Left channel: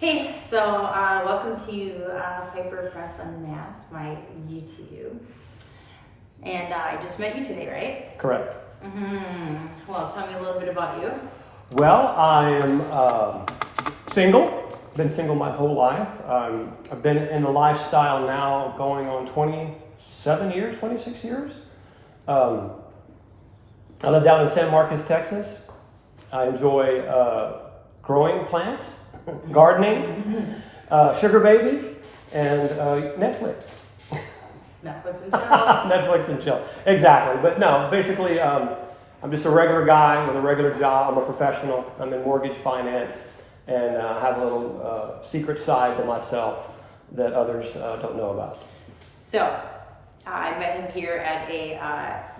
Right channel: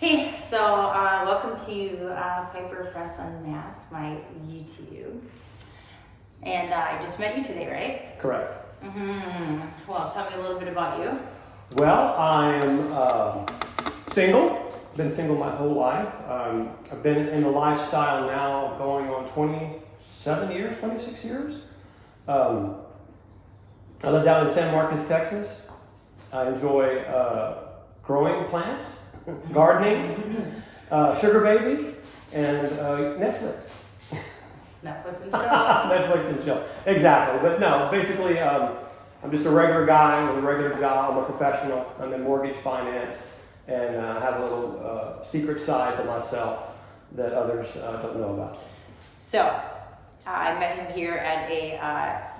Hey, so welcome to Piper Press Unmasked, my YouTube. And I just met you today, right? Correct. Well, tell me a little bit about you. Well, I am single. Been single my whole life. I've been in the lifestyle now going on 26 years. I live down in San Marcos, Texas. I enjoy growing plants, gardening, sugar babies, and Netflix. Netflix and chill. Netflix and chill. Exactly. But no, basically, I'm just a regular guy with a regular job. I'm a professional. I'm in mortgage finance, and have a little secret side to myself that others don't know about. So, I met him here at a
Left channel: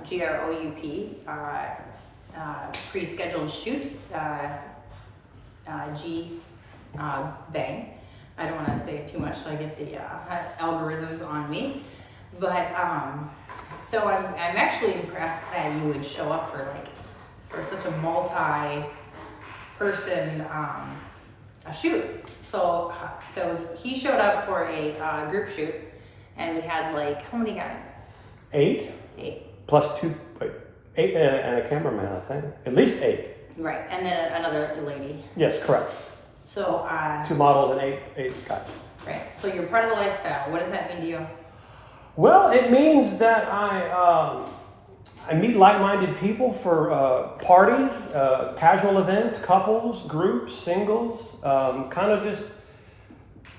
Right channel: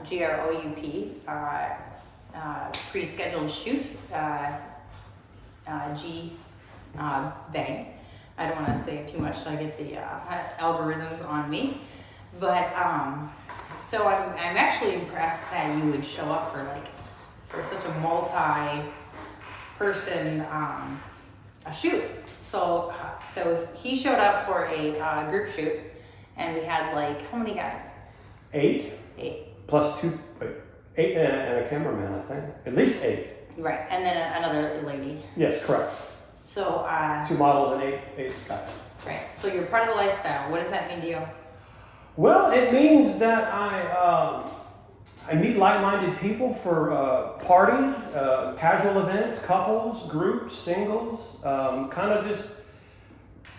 GROUP pre-scheduled shoot. Bang. I don't want to say too much so I get the algorithms on me. But so I'm actually impressed that you would show up for such a multi-person a shoot. So he showed up for a group shoot, and we had how many guys? Eight. Plus eight and a cameraman, I think. At least 8. Right, and then another lady. Yes, correct. So 2 models and eight guys. Right. So you're part of the lifestyle. What does that mean to you? Well, it means that I meet like-minded people for parties, casual events, couples, groups, singles, kind of just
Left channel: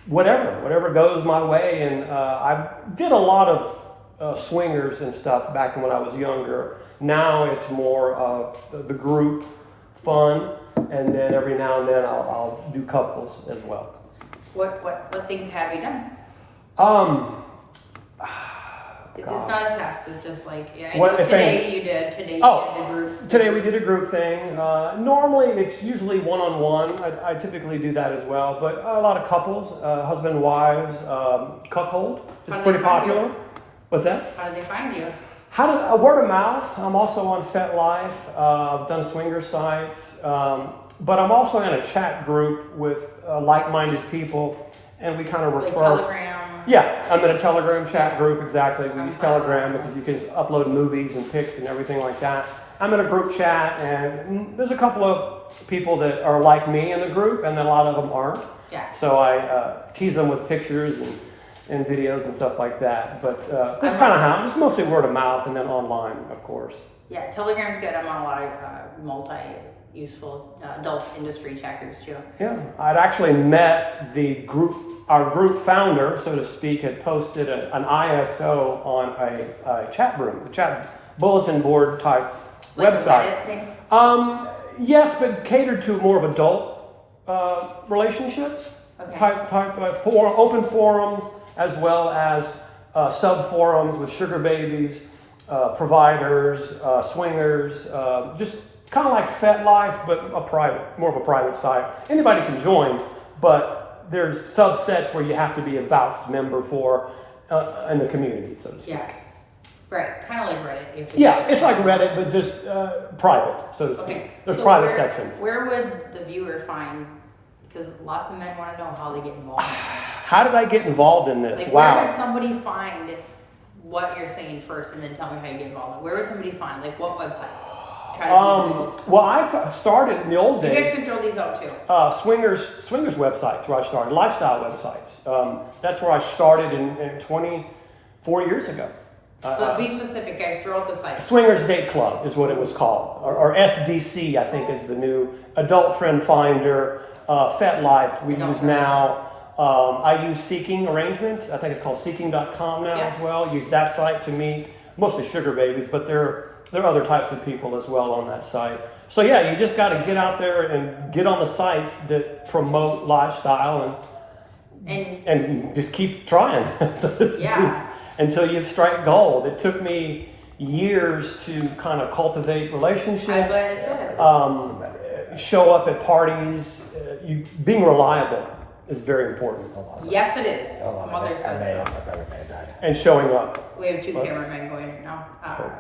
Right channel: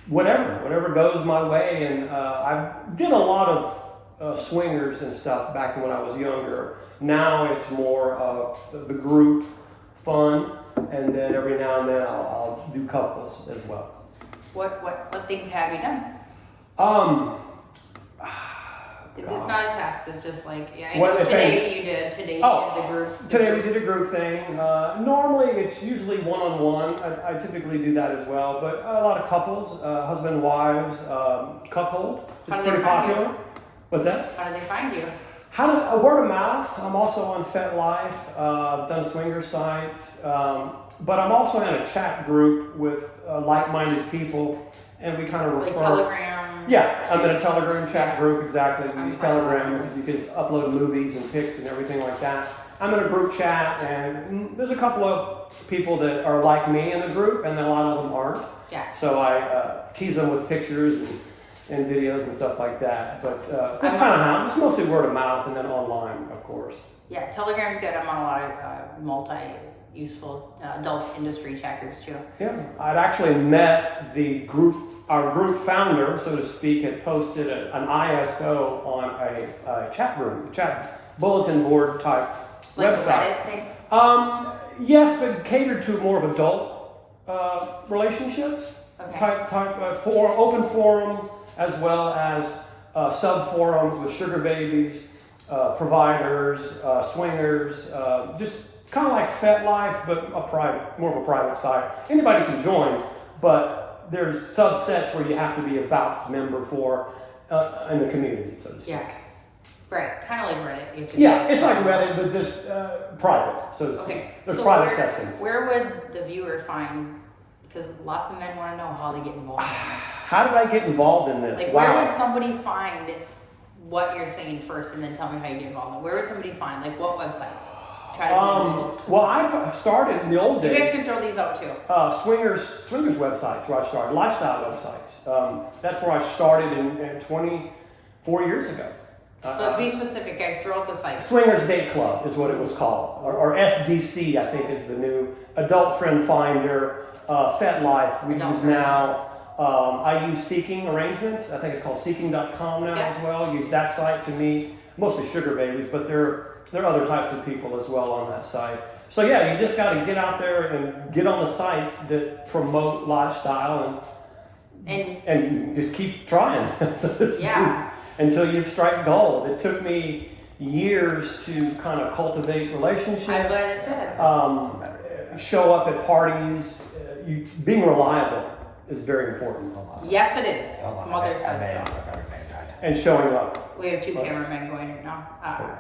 whatever goes my way. And I did a lot of swingers and stuff back when I was younger. Now it's more of the group fun, and then every now and then I'll do couples as well. What things have you done? It's not a test. It's just I know today you did. Today you did the group. Today we did a group thing. Normally it's usually one-on-one. I typically do that as well, but a lot of couples, husband and wives, cuckold. How do they find popular. you? What's that? How do they find you? Word of mouth. I'm also on FetLife. I've done swinger sites, but I'm also in a chat group with like-minded people, and we kind of refer. Like Telegram. Yeah, I'm in a Telegram chat group. Exactly. We use Telegram because you can upload movies and pics and everything like that. I'm in a group chat, and there's a couple of people that are like me in the group, and then a lot of them aren't. Yeah. So I tease them with pictures and videos and stuff like that. But it's kind of how it's mostly word of mouth and then online, of course. Yeah, Telegram's good. I'm on a lot of multi-useful adult industry chat groups too. Yeah, I'd actually met our group founder, so to speak, had posted an ISO on a chat room, a chat bulletin board type website. Like a Reddit thing? Yes, but catered to more of adult relationships. Okay. Type open forums, as well as sub forums with sugar babies, providers, swingers, just kind of like FetLife, but more of a private site. Anybody can join, but there's subsets where you have to be a vouched member for in the community, so to speak. Yeah. Right, kind of like Reddit. Yeah, it's like Reddit, but just private, so to speak. Okay. There's So private sections. where would the viewer find? Because lots of men want to know how they get involved in this. How did I get involved in this? Where would somebody find what you're saying first, and then tell me how you get involved? Where would somebody find? What websites? Try to be people's. Well, I started in the old days. You guys can throw these out too. Swingers websites where I started, lifestyle websites. That's where I started in 24 years ago. But be specific, guys. Throw out the sites. Swingers Date Club is what it was called, or SDC, I think is the new Adult Friend Finder. FetLife we use now. I use Seeking Arrangements. I think it's called Seeking.com now as well. Use that site to meet mostly sugar babies, but there are other types of people as well on that site. So yeah, you just got to get out there and get on the sites that promote lifestyle and just keep trying. Until you strike gold. It took me years to kind of cultivate relationships. I bet it did. Show up at parties. Being reliable is very important. Yes, it is. Mother says so. And showing up. We have 2 cameramen going right now.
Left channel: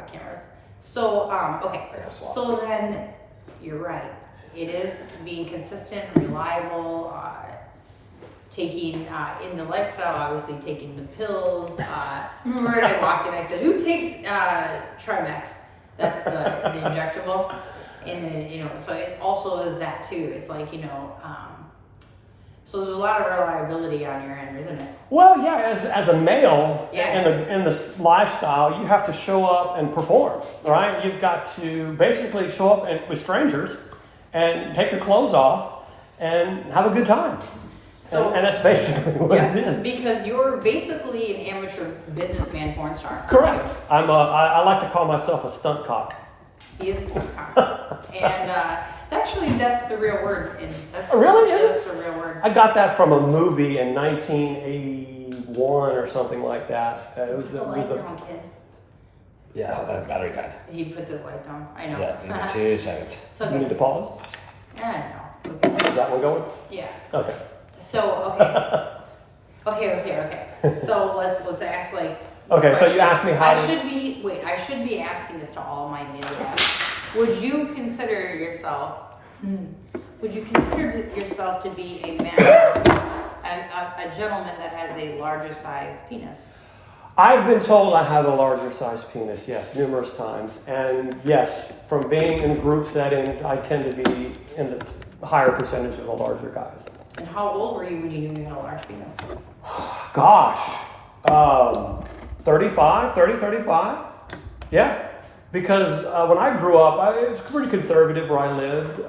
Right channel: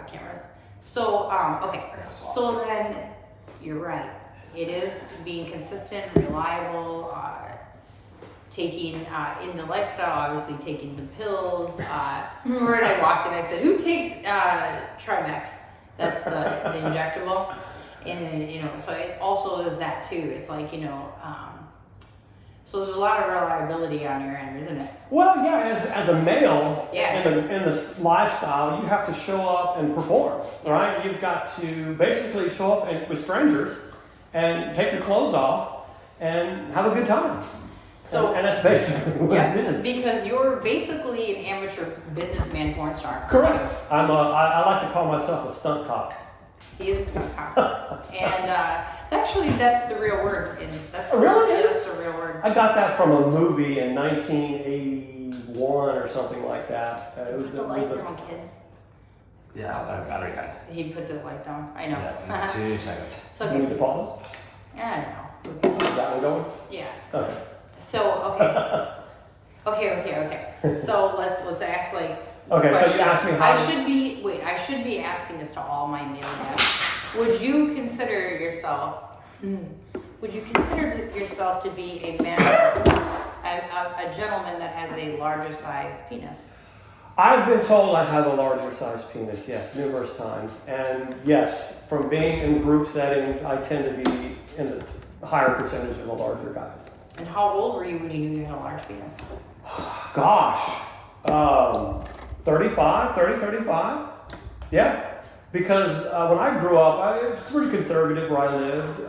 Cameras. So, okay. So then, you're right. It is being consistent, reliable, taking in the lifestyle, obviously taking the pills. Remember when I walked in, I said, "Who takes Trimex?" That's the injectable, and then, you know, so it also is that too. It's like, you know, so there's a lot of reliability on your end, isn't it? Well, yeah, as a male, Yeah, in this lifestyle, you have to show up and perform, Yeah. right? You've got to basically show up with strangers and take your clothes off and have a good time. So and that's basically what it is. because you're basically an amateur businessman porn star. Correct. I like to call myself a stunt cock. He is a stunt cock. And actually, that's the real word. And that's Really? Yeah, that's the real word. I got that from a movie in 1981 or something like that. Put the light down, kid. Yeah, I got it. He put the light down. I know. Yeah, 2 seconds. It's You need okay. to pause? I know. Okay. Is that one going? Yeah, it's good. Okay. So, okay. So let's ask like the Okay, so you question. asked me how I should be asking this to all my male guests. Would you consider yourself to be a man, a gentleman that has a larger size penis? I've been told I have a larger size penis, yes, numerous times. And yes, from being in group settings, I tend to be in the higher percentage of the larger guys. And how old were you when you knew you had a large penis? Gosh, 35. Yeah, because when I grew up, it was pretty conservative where I lived.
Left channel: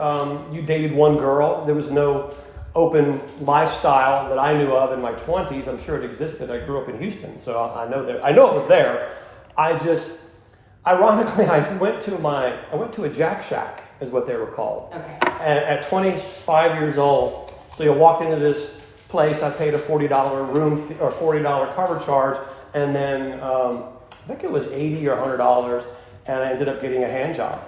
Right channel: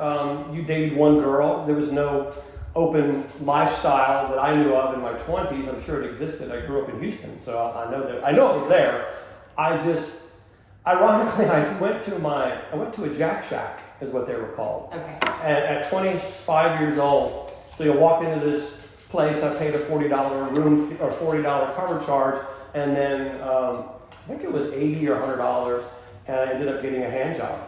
You dated one girl. There was no open lifestyle that I knew of in my 20s. I'm sure it existed. I grew up in Houston, so I know it was there. Ironically, I went to a Jack Shack, is what they were called. Okay. And at 25 years old, so you walked into this place, I paid a $40 room fee, or $40 cover charge, and then I think it was $80 or $100, and I ended up getting a hand job.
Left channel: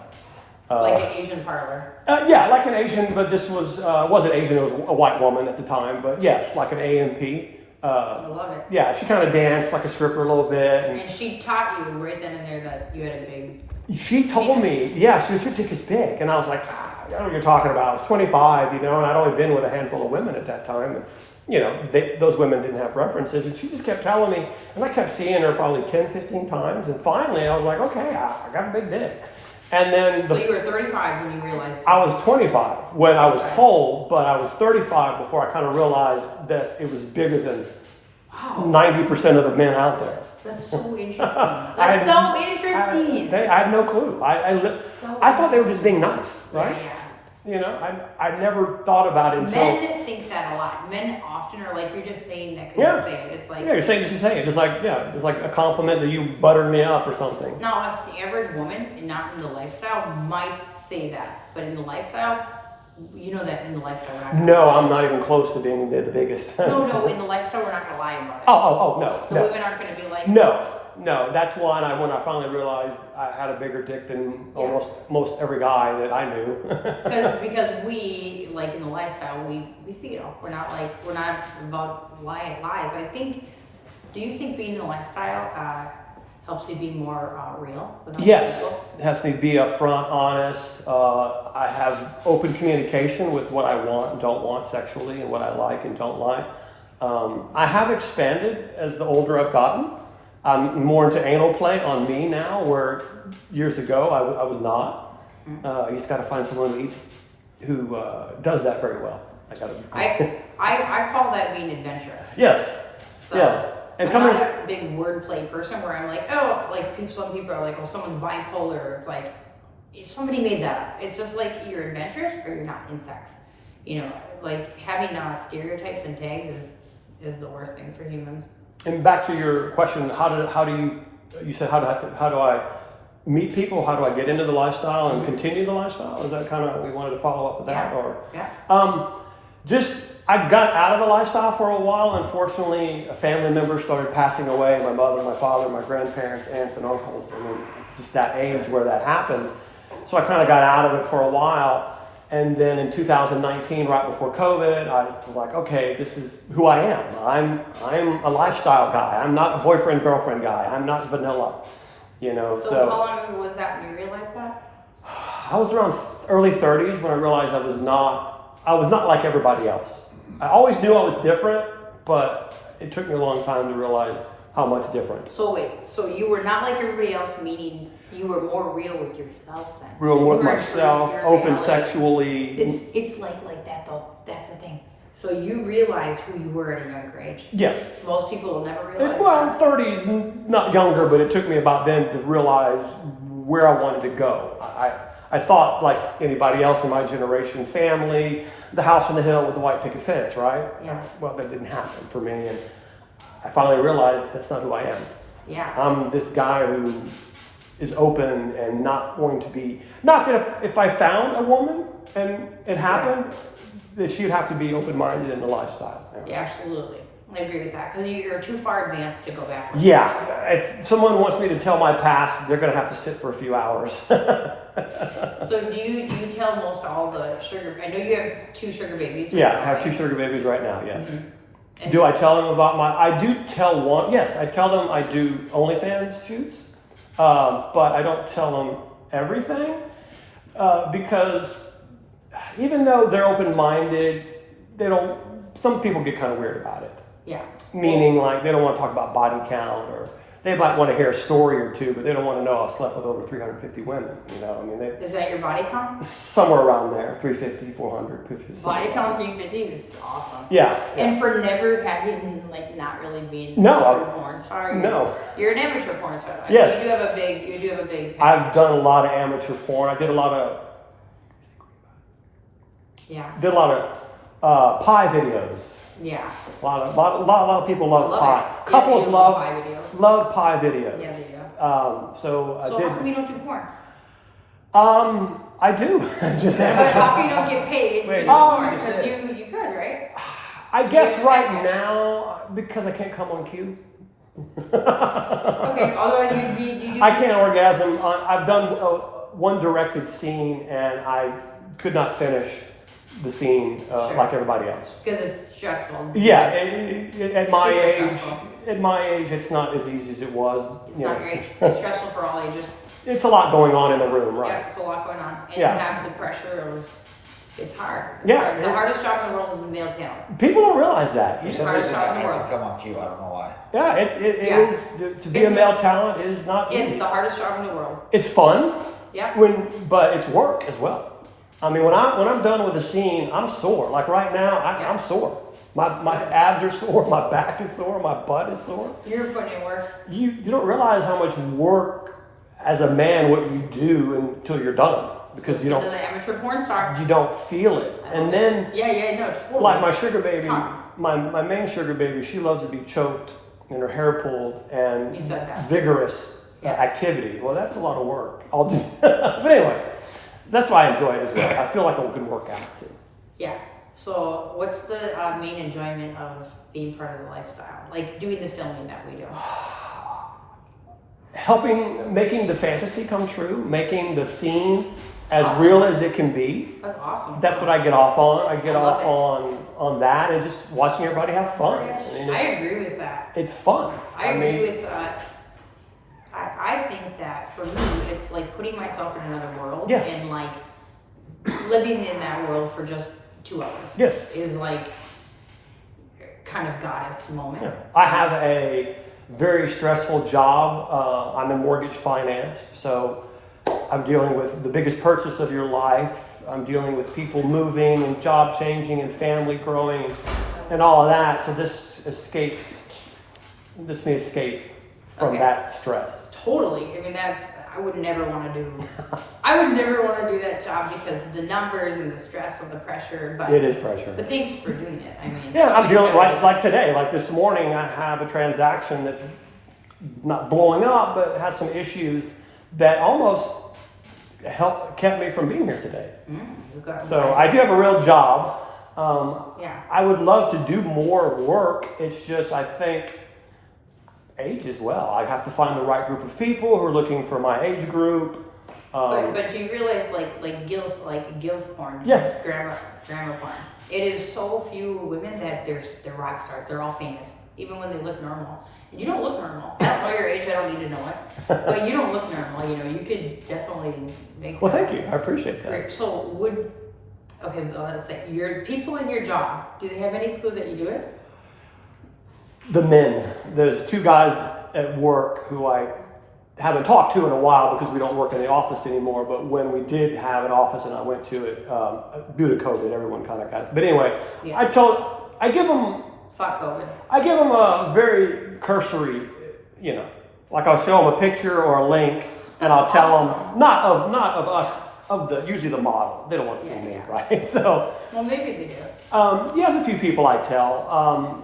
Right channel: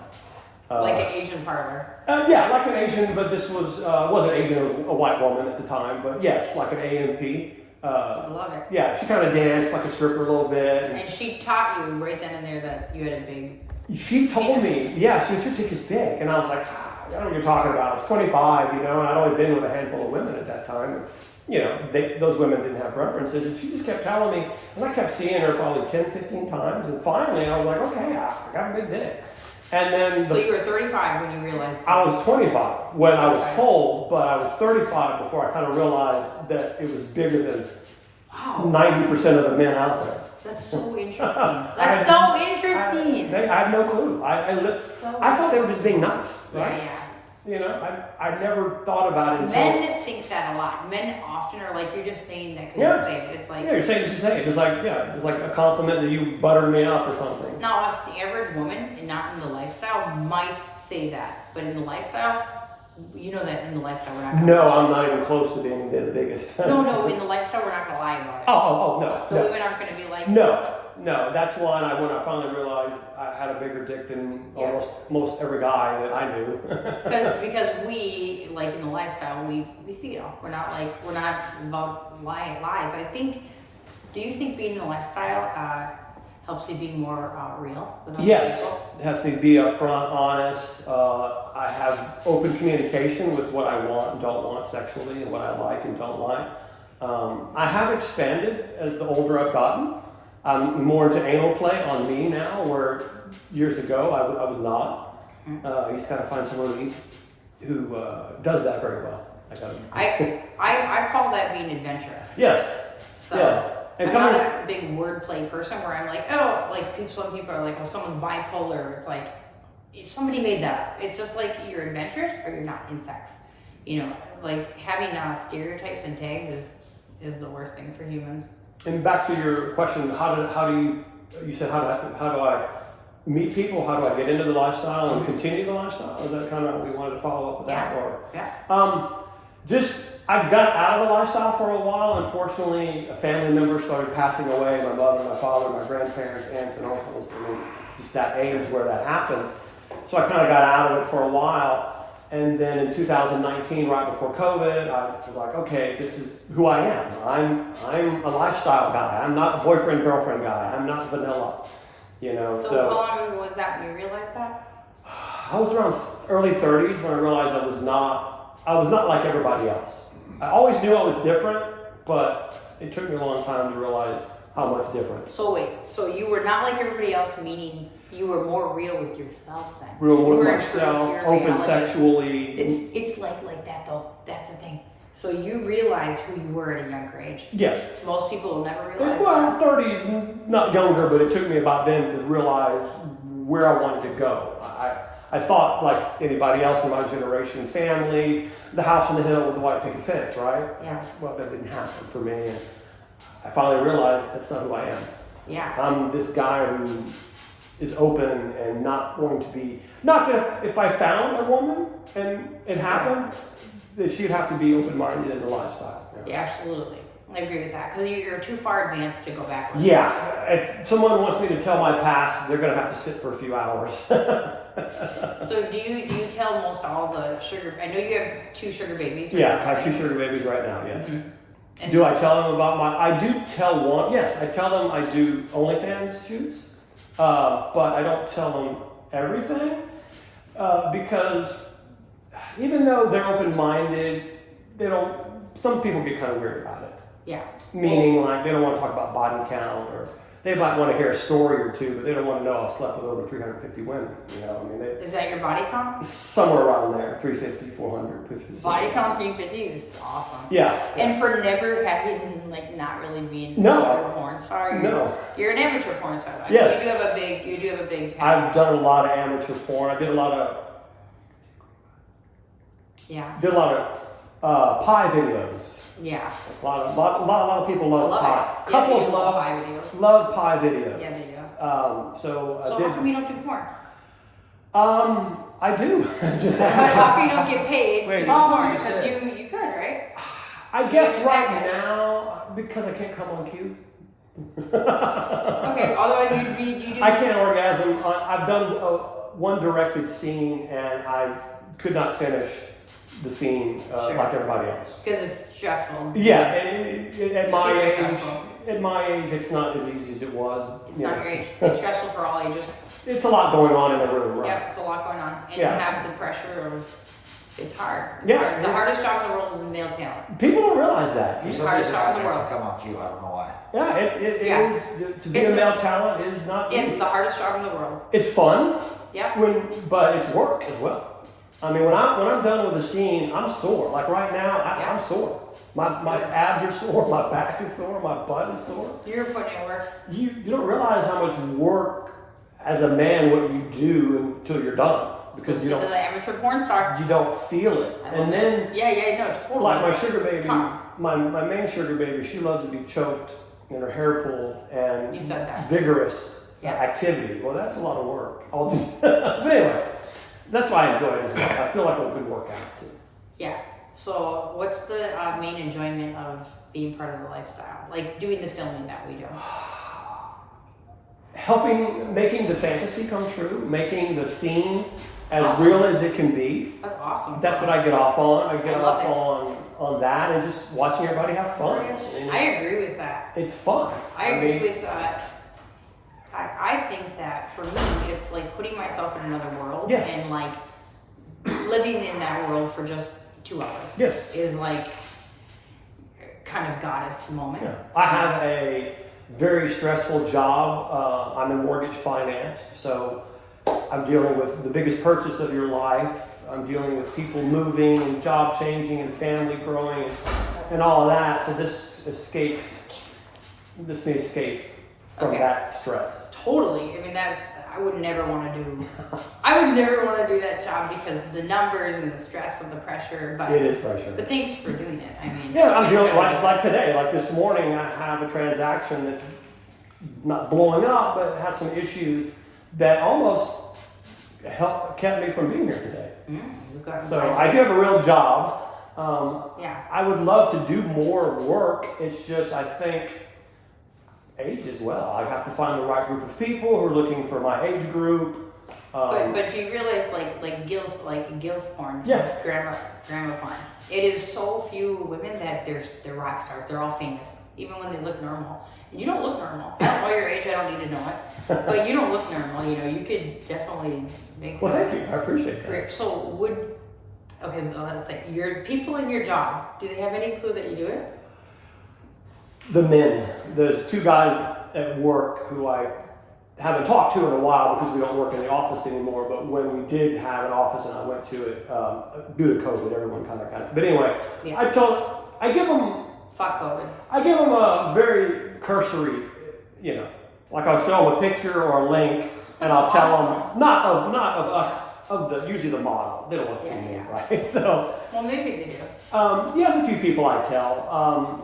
Like an Asian parlor. Yeah, like an Asian, but this wasn't Asian, it was a white woman at the time, but yes, like an AMP. I love it. Yeah, she kind of danced like a stripper a little bit. And she taught you right then and there that you had a big. She told me, yeah, she was, your dick is big. And I was like, I don't know what you're talking about. I was 25, and I'd only been with a handful of women at that time. Those women didn't have references, and she just kept telling me, and I kept seeing her probably 10, 15 times, and finally I was like, okay, I got a big dick. And then So you were 35 when you realized. I was 25 when I was told, but I was 35 before I kind of realized that it was bigger than 90% of the men out there. That's so interesting. That's so interesting. I had no clue. I thought they were just being nice, right? Yeah. I never thought about it until... Men think that a lot. Men often are like, you're just saying that because you say it. It's like... Yeah, you're saying it. It's like, it's like a compliment that you buttered me up or something. Now, us, the average woman, and not in the lifestyle, might say that. But in the lifestyle, you know that in the lifestyle we're not going to... No, I'm not even close to being the biggest. No, in the lifestyle we're not going to lie about it. No. The women aren't going to be like... No, that's why when I finally realized I had a bigger dick than most every guy that I knew. because we, like in the lifestyle, we see it all. We're not about lies. Do you think being in the lifestyle helps you be more real with other people? It has to be upfront, honest. I have open communication with what I want and don't want sexually and what I like and don't like. I have expanded as the older I've gotten. I'm more into anal play on me now, where years ago I was not. You just got to find someone who does that very well. I call that being adventurous. Yes. So yes. I'm not a big wordplay person where I'm like, some people are like, someone's bipolar. It's like, somebody made that up. It's just like you're adventurous or you're not in sex. Like having stereotypes and tags is the worst thing for humans. And back to your question, how do I meet people? How do I get into the lifestyle and continue the lifestyle? Is that kind of what we wanted to follow up with that? I got out of the lifestyle for a while. Unfortunately, a family member started passing away. My mother, my father, my grandparents, aunts and uncles. Just that age where that happens. So I kind of got out of it for a while. And then in 2019, right before COVID, I was like, okay, this is who I am. I'm a lifestyle guy. I'm not a boyfriend-girlfriend guy. I'm not vanilla, So how long ago was that when you realized that? I was around early 30s when I realized I was not like everybody else. I always knew I was different, but it took me a long time to realize how much different. So wait, so you were not like everybody else, meaning you were more real with yourself then. Real You with were in myself, your open reality. sexually. It's like that though. That's the thing. So you realize who you were at a younger age. Yes. Most people will never realize Well, that. 30s, not younger, but it took me about then to realize where I wanted to go. I thought, like anybody else in my generation, family, the house on the hill with the white picket fence, right? Yeah. Well, that didn't happen for me. And I finally realized that's not who I am. Yeah. I'm this guy who is open and not wanting to be, not that if I found a woman and it happened, that she'd have to be open-minded in the lifestyle. Yeah, absolutely. I agree with that because you're too far advanced to go backwards. Yeah, if someone wants me to tell my past, they're gonna have to sit for a few hours. So do you tell most all the sugar? I know you have 2 sugar babies. Right Yeah, now, I have right? 2 sugar babies right now, yes. Mhm. And Do I tell them about I do tell one, yes, I tell them I do OnlyFans shoots, but I don't tell them everything, because even though they're open-minded, some people get kind of weird about it. Yeah. Meaning, like, they don't want to talk about body count, or they might want to hear a story or two, but they don't want to know I've slept with over 350 women. You know, I mean, Is that your body count? somewhere around there, 350, 400. 350. Body count 350 is awesome. Yeah. And for never having, like, not really being No. a true porn star, you're an amateur porn star. Like, Yes. You do have a big package. I've done a lot of amateur porn. I did a lot of pie videos. Yeah. A lot of people love Love pie. it. Yeah, Couples they love pie videos. love pie videos. Yeah, they do. So So how come you don't do porn? I do. Just But how come you don't get paid to Wait, do porn? just Because said- you could, right? I guess get right package. now, because I can't come on cue. Okay. Otherwise, you do. I can't orgasm. I've done one directed scene, and I could not finish the scene Sure. like everybody else. Because it's stressful. Yeah, at It's my super age, stressful. it's not as easy as it was. It's you not know. your age. It's stressful for all ages. It's a lot going on in the room, right? Yeah, it's a lot going on, and Yeah. you have the pressure of. It's hard. It's Yeah. hard. The hardest job in the world is male talent. People don't realize that. For It's some hardest reason, job in the I world. come on cue. I don't know why. Yeah, it Yeah. is to be It's a the- male talent is not. It's easy. the hardest job in the world. It's fun. Yep. But it's work as well. I mean, when I'm done with a scene, I'm sore. Like right now, Yeah. I'm sore. My Good. abs are sore, my back is sore, my butt is sore. You're putting in work. You don't realize how much work as a man what you do until you're done, because You're the amateur porn star. you don't feel it. I love And it. then Yeah, no, totally. like my sugar baby, Tons. my main sugar baby, she loves to be choked and her hair pulled and You said that. vigorous Yeah. activity. Well, that's a lot of work. I'll do. But anyway, that's why I enjoy it as well. I feel like a good workout too. Yeah. So, what's the main enjoyment of being part of the lifestyle? Like doing the filming that we do. Making the fantasy come true, making the scene as Awesome. real as it can be. That's awesome. That's what I get off on. I get I love off it. on that and just watching everybody have fun. And I agree with that. it's fun. I agree mean, with that. I think that for me, it's like putting myself in another world Yes. and like living in that world for just 2 hours. Yes. Is like kind of goddess moment. Yeah. I have a very stressful job. I'm in mortgage finance, so I'm dealing with the biggest purchase of your life. I'm dealing with people moving and job changing and family growing and all of that. So this may escape from Okay. that stress. Totally. I mean, I would never want to do. I would never want to do that job because the numbers and the stress and the pressure. But It is pressure. But thanks for doing it. I mean, Yeah, I'm somebody's dealing gotta do it. like today, like this morning. I have a transaction that's not blowing up, but has some issues that almost kept me from being here today. You've got So I do have a real job. Yeah. I would love to do more work. It's just I think age as well. I have to find the right group of people who are looking for my age group. But do you realize like gilf porn? Yeah. Grandma porn. It is so few women that they're rock stars. They're all famous, even when they look normal. And you don't look normal. I don't know your age. I don't need to know it. But you don't look normal. You know, you could definitely make. Well, thank you. I appreciate that. Career. So Okay, well, let's say your people in your job, do they have any clue that you do it? The men. There's two guys at work who I haven't talked to in a while because we don't work in the office anymore. But when we did have an office and I went to it, due to COVID, everyone kind of got. But anyway, Yeah. I give them. Fuck COVID. I give them a very cursory, like I'll show them a picture or a link, and I'll tell them not of us, usually the model. They don't want to see me, right? So. Well, maybe they do. There's a few people I tell.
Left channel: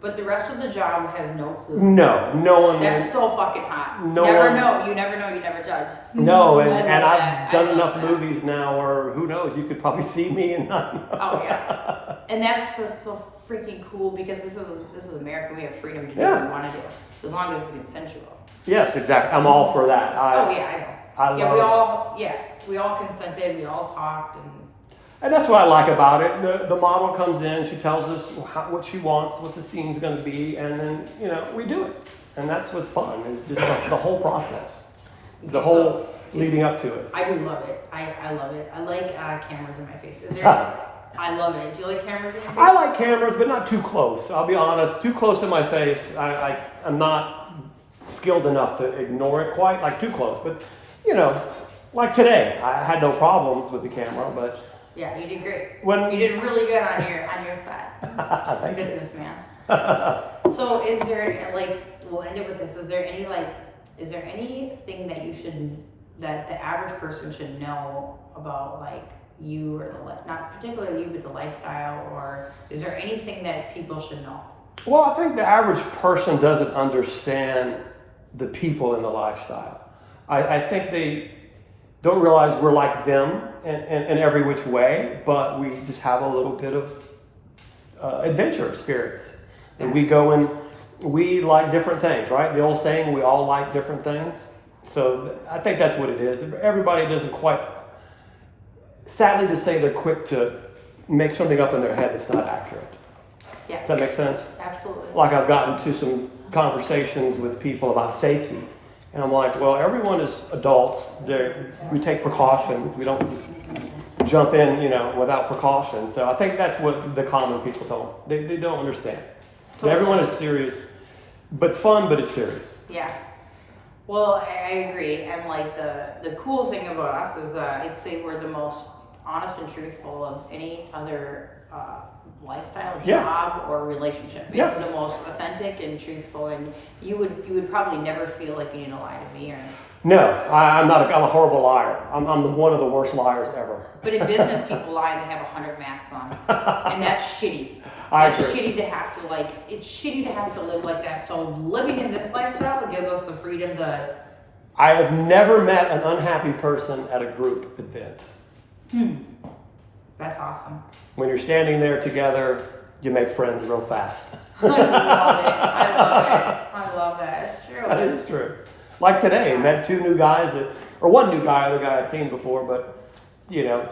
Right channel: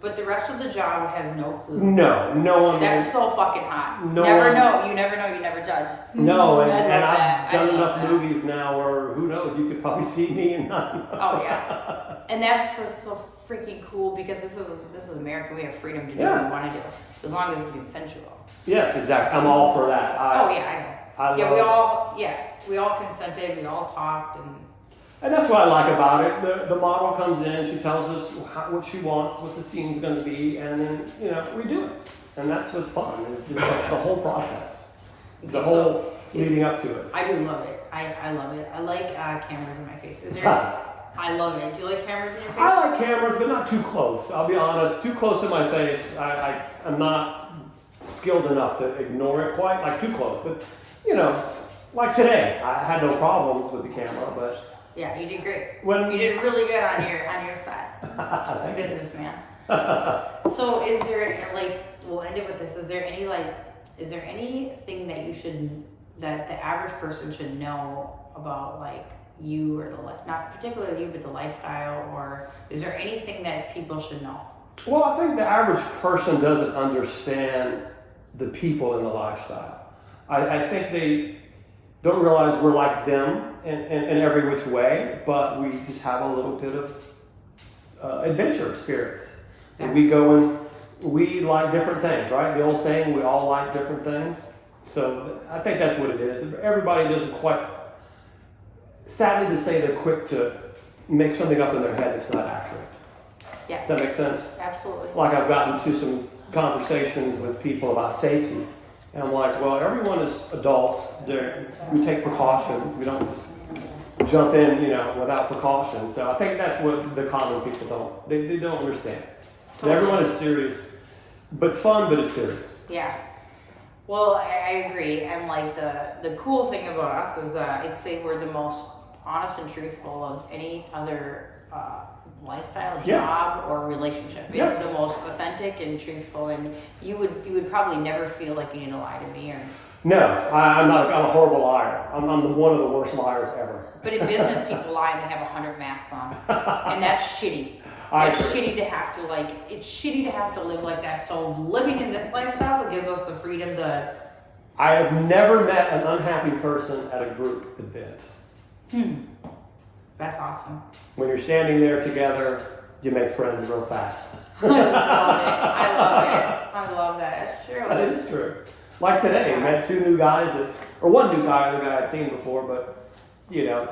But the rest of the job has no clue. No one. That's so fucking hot. No never one- know. You never know. You never judge. No, and, I love and I've that. done I love enough that. movies now where who knows, you could probably see me and not know. Oh yeah, and that's so freaking cool because this is America. We have freedom to do what we want to do as long as it's consensual. Yes, exactly. I'm all for that. Oh yeah, I know. We all consented. We all talked, And that's what I like about it. The model comes in, she tells us what she wants, what the scene's going to be, and then we do it. And that's what's fun. It's just the whole process, the whole leading up to it. I do love it. I love it. I like cameras in my face. Is there? I love it. Do you like cameras in your face? I like cameras, but not too close. I'll be honest. Too close in my face, I'm not skilled enough to ignore it quite. Like too close, but like today, I had no problems with the camera, but. Yeah, you did great. You did really good on your set. Businessman. So is there we'll end it with this. Is there anything that the average person should know about you or not particularly you, but the lifestyle, or is there anything that people should know? Well, I think the average person doesn't understand the people in the lifestyle. I think they don't realize we're like them in every which way, but we just have a little bit of adventure spirits. Exactly. And we go and we like different things, right? The old saying, we all like different things. So I think that's what it is. Everybody doesn't quite, sadly to say, they're quick to make something up in their head that's not accurate. Yes. Does that make sense? Absolutely. Like I've gotten to some conversations with people about safety. And I'm like, well, everyone is adults. We take precautions. We don't just jump in, without precautions. So I think that's what the common people don't. They don't understand. Totally. Everyone is serious, but it's fun, but it's serious. Yeah. Well, I agree. And the cool thing about us is I'd say we're the most honest and truthful of any other lifestyle, job, or relationship. It's the most authentic and truthful, and you would probably never feel like you need to lie to me or. No, I'm not. I'm a horrible liar. I'm one of the worst liars ever. But in business, people lie and they have 100 masks on, and that's shitty. That's shitty to have to It's shitty to have to live like that. So living in this lifestyle, it gives us the freedom to. I have never met an unhappy person at a group event. That's awesome. When you're standing there together, you make friends real fast. I love it. I love that. It's true. It's true. Like today, met two new guys one new guy, other guy I'd seen before, but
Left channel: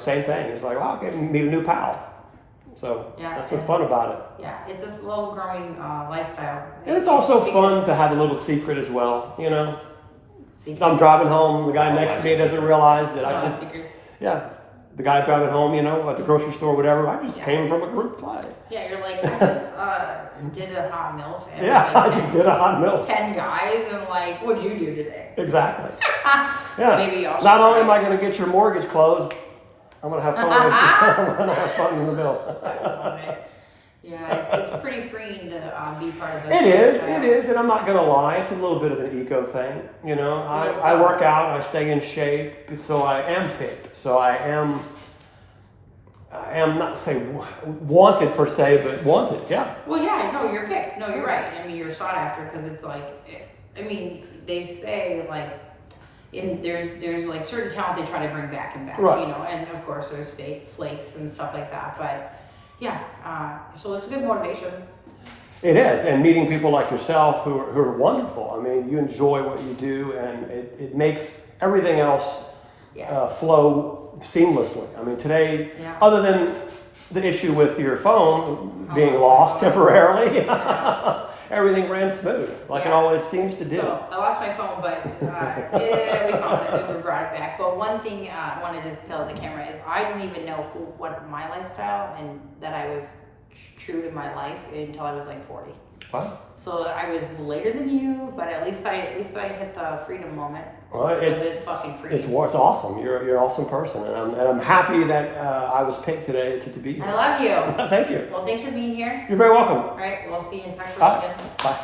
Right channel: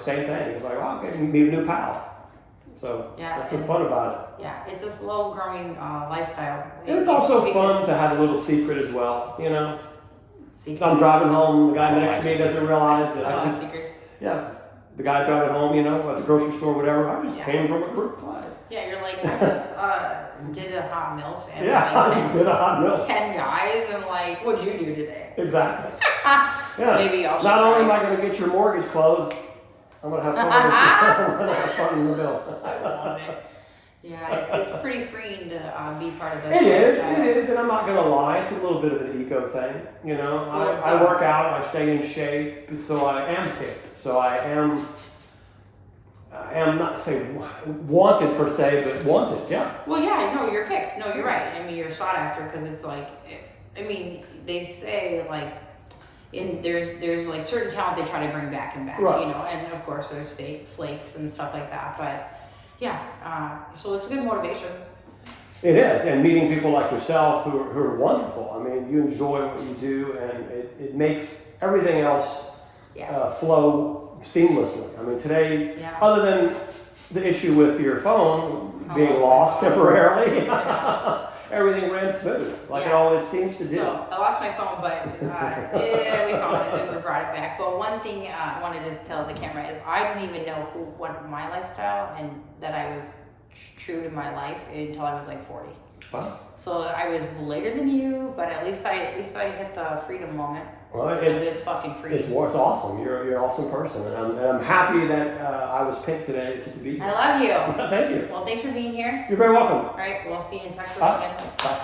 same thing. It's like, oh, okay, meet a new pal. So that's what's fun about it. Yeah, it's a slow growing lifestyle. And it's also fun to have a little secret as well, Secret. I'm driving home, the guy next to me doesn't realize that I just, secrets. the guy driving home, at the grocery store, whatever, I just came from a group play. Yeah, you're like, I just did a hot MILF and I just did a hot milk. 10 guys and what'd you do today? Exactly. Maybe y'all should Not try only am it. I going to get your mortgage closed, I'm going to have fun. I'm going to have fun in the mill. I love it. Yeah, it's pretty freeing to be part of this. It lifestyle. is, and I'm not going to lie, it's a little bit of an ego thing. I work out, I stay in shape, so I am picked. So I am not saying wanted per se, but wanted, yeah. Well, yeah, no, you're picked. No, you're right. I mean, you're sought after because it's they say there's certain talent they try to bring back and back, right. And of course there's fake flakes and stuff like that. But yeah, so it's a good motivation. It is, and meeting people like yourself who are wonderful. I mean, you enjoy what you do, and it makes everything else flow seamlessly. I mean, today, other than the issue with your phone being lost temporarily, everything ran smooth, like it Yeah. always seems to do. So I lost my phone, but we found it. We brought it back. But one thing I want to just tell the camera is I didn't even know what my lifestyle and that I was true to my life until I was like 40. Wow. So I was later than you, but at least I hit the freedom moment. Well, Because it's fucking free. It's awesome. You're an awesome person, and I'm happy that I was picked today to be here. I love you. Thank you. Well, thanks for being here. You're very welcome. All right, we'll see you in Texas Bye. again. Bye.